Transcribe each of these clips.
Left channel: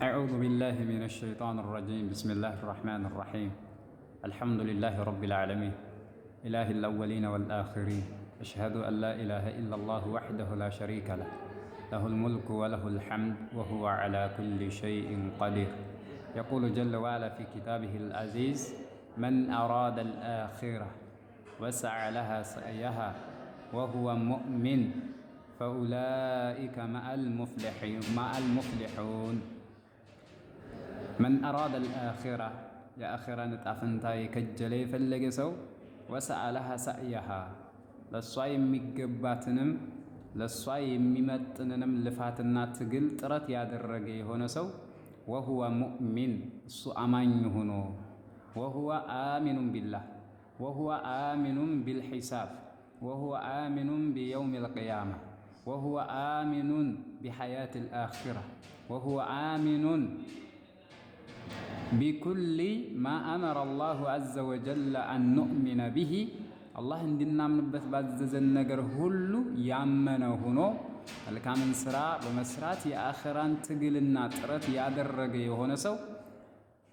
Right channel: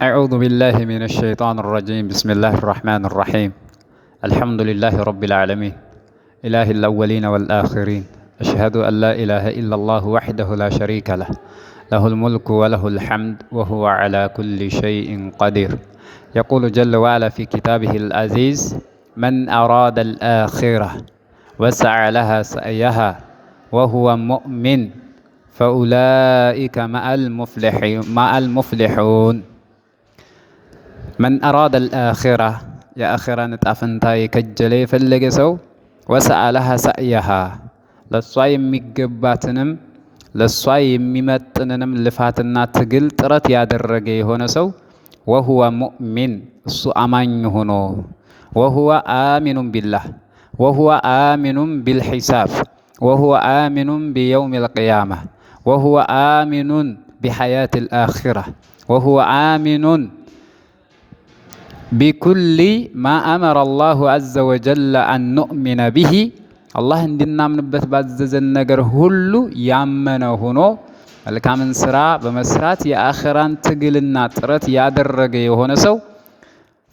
أعوذ بالله من الشيطان الرجيم. بسم الله الرحمن الرحيم. الحمد لله رب العالمين، إله الأولين والآخرين. أشهد أن لا إله إلا الله وحده لا شريك له، له الملك وله الحمد وهو على كل شيء قدير. يقول جل وعلا في كتابه العزيز: من أراد الآخرة وسعى لها سعيها وهو مؤمن فأولئك مع المفلحون. من أراد الآخرة يا آخرة نتعفنتاي كجلي فلقسو وسعى لها سعيها للصاي ميقباتنم للصاي ميمتننم لفاتنا تقل ترت يادرقي هونسو وهو مؤمن السو أمان هونو وهو آمن بالله وهو آمن بالحساب وهو آمن بيوم القيامة وهو آمن بحياة الآخرة وهو آمن بكل ما أمر الله عز وجل أن نؤمن به. الله عندنا من بعزز النجر هلو يامنه هنو الكامن سرا بمسرات يا آخران تقلنا ترت يا درجة هونسو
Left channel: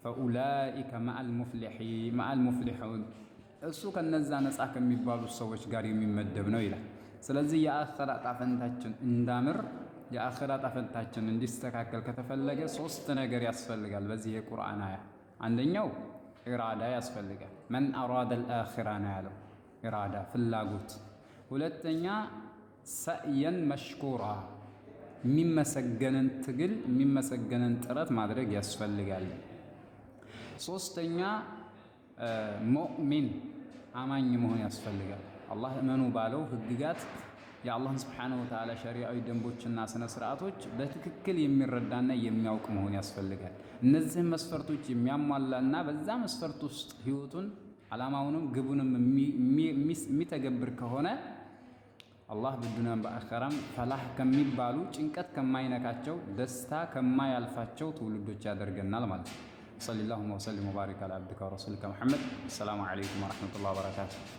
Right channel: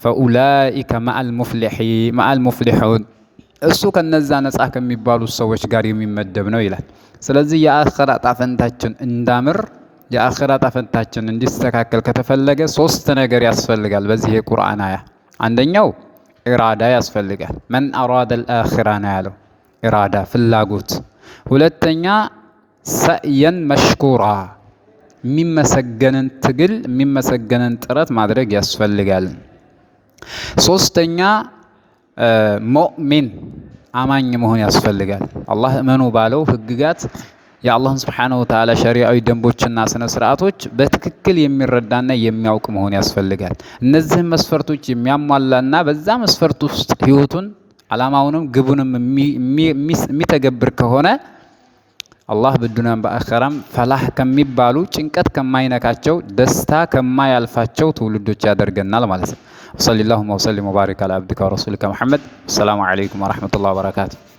فأولئك مع المفلحون. እሱ ከነዛ ነፃ ከሚባሉ ሰዎች ጋር የሚመደብ ነው ይላል። ስለዚህ የአኺራ ጣፈንታችን እንዳምር የአኺራ ጣፈንታችን እንዲስተካከል ከተፈለገ ሶስት ነገር ያስፈልጋል። በዚህ የቁርአን አያ አንደኛው ኢራዳ ያስፈልጋል። መን አራደ الآخرة ነው ያለው፣ ኢራዳ ፍላጎት። ሁለተኛ ሰዕየን መሽኩራ የሚመሰገንን ትግል የሚመሰገንን ጥረት ማድረግ ያስፈልጋል። ሶስተኛ ሙእሚን አማኝ መሆን ያስፈልጋል። አላህ እመኑ ባለው ህግጋት የአላህን ሱብሓነሁ ወተዓላ ሸሪዓዊ ደንቦችና ስነ ስርዓቶች በትክክል የሚረዳና የሚያውቅ መሆን ያስፈልጋል። እነዚህን መስፈርቶች የሚያሟላና በዛ መስፈርት ውስጥ ህይወቱን አላማውንም ግቡንም የሚተገብር ከሆነ አላህ በዱንያም በአኺራም ፈላህ ከሚባሉ ጭንቀት ከማይነካቸው ደስታ ከማያልፋቸው ትውልዶች ያደርገናል ማለት ነው። ወሰለላሁ ወሰለም ወባረከ ዐላ አብዲከ ወረሱሊከ ሙሐመድ። ሰላሙ ዐለይኩም ወረሕመቱላሂ ወበረካቱሁ።